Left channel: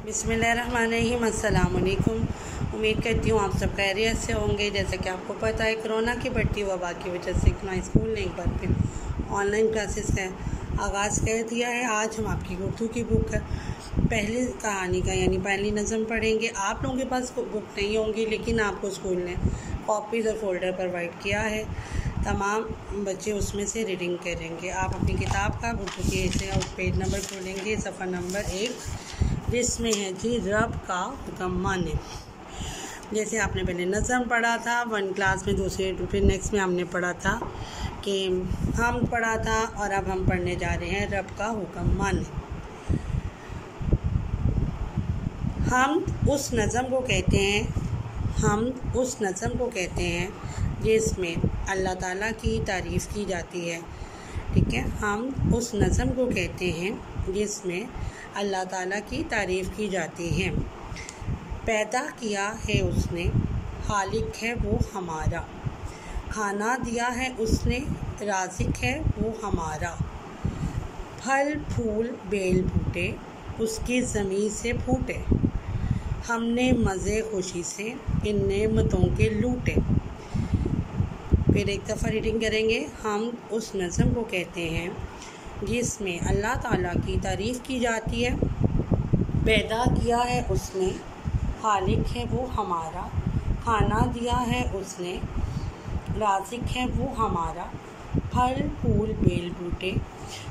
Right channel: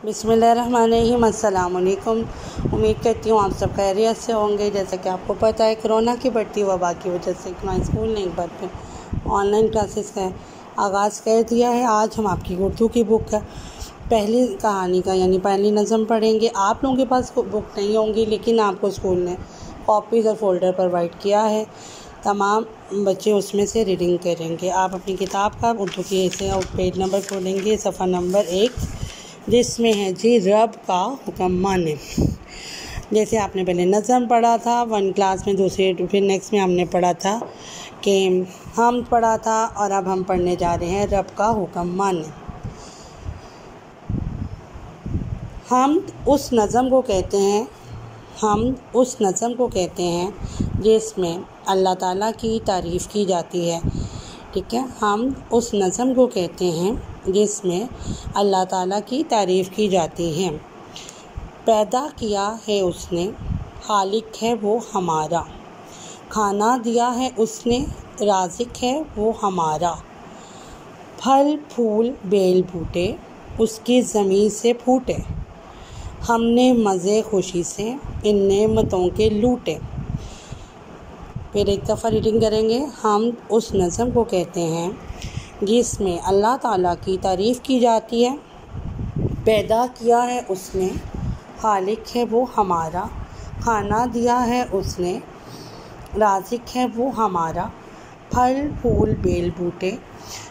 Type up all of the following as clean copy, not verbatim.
बिस्मिल्लाहिर्रहमानिर्रहीम। अस्सलाम वालेकुम। उम्मीद करती हूँ आप सब खैरियत से होंगे। जैसा कि आपको पता है, कोरोना की बढ़ती वबा की वजह से हमारे स्कूल ने एक बार फिर ऑनलाइन क्लासेस का आगाज़ कर दिया है। आज हम आपकी उर्दू की बुक का पहली कहानी का यानी पहली नज़म पढ़ेंगे। आप लोगों के पास बुक नहीं होंगी, लेकिन आपको स्कूल ने कॉपीज़ और फोल्डर प्रोवाइड किया है। तमाम बच्चे उसमें से रीडिंग करेंगे। आप अपनी किताब का उर्दू की ऐसे और पेज नंबर खोलेंगे, सफ़ा नंबर 1, जिसमें है जी रब का हुक्म माने। जैसे आपने पहले नज़म पढ़ा था 1 क्लास में, दूसरे फिर नेक्स्ट में हमने पढ़ा था कि हम पढ़ा था, और अब हम पढ़ने जा रहे हैं रब का हुक्म माने। हम उस नज़म को कहते हैं जिसमें अल्लाह ताला की तारीफ़ की जाती है। ठीक है, हम उस नज़म को कहते हैं जिसमें अल्लाह ताला की तारीफ़ की जाती है। पैदा किया है उसने, खालिक है वो हमारा। खाना दिया है उसने, राज़िक है वो हमारा। फल फूल बेल बूटे उसकी ज़मीन से फूटे। हमने मज़े खुशी से इन नेमतों के लूटे। फिर एक दफ़ा रीडिंग करेंगे। हम उस नज़म को कहते हैं जिसमें अल्लाह ताला की तारीफ़ की जाती है। पैदा किया है उसने, खालिक है वो हमारा। खाना दिया है उसने, राज़िक है वो हमारा। फल फूल बेल बूटे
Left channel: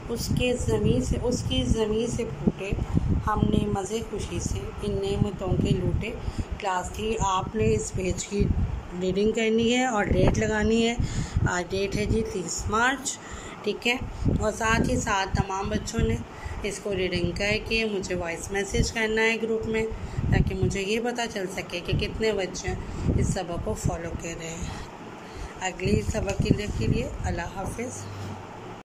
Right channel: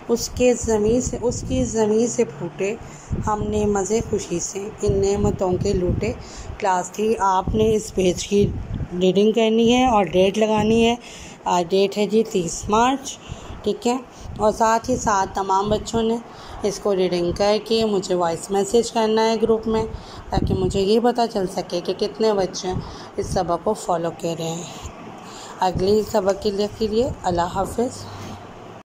उसकी ज़मीन से फूटे। हमने मज़े खुशी से इन नेमतों के लूटे। क्लास 3 आपने इस पेज की रीडिंग करनी है और डेट लगानी है। आज डेट है जी 30 मार्च। ठीक है, और साथ ही साथ तमाम बच्चों ने इसको रीडिंग करके मुझे वॉइस मैसेज करना है ग्रुप में, ताकि मुझे ये पता चल सके कि कितने बच्चे इस सबक को फॉलो कर रहे हैं। अगली सबक के लिए अल्लाह हाफ़िज़।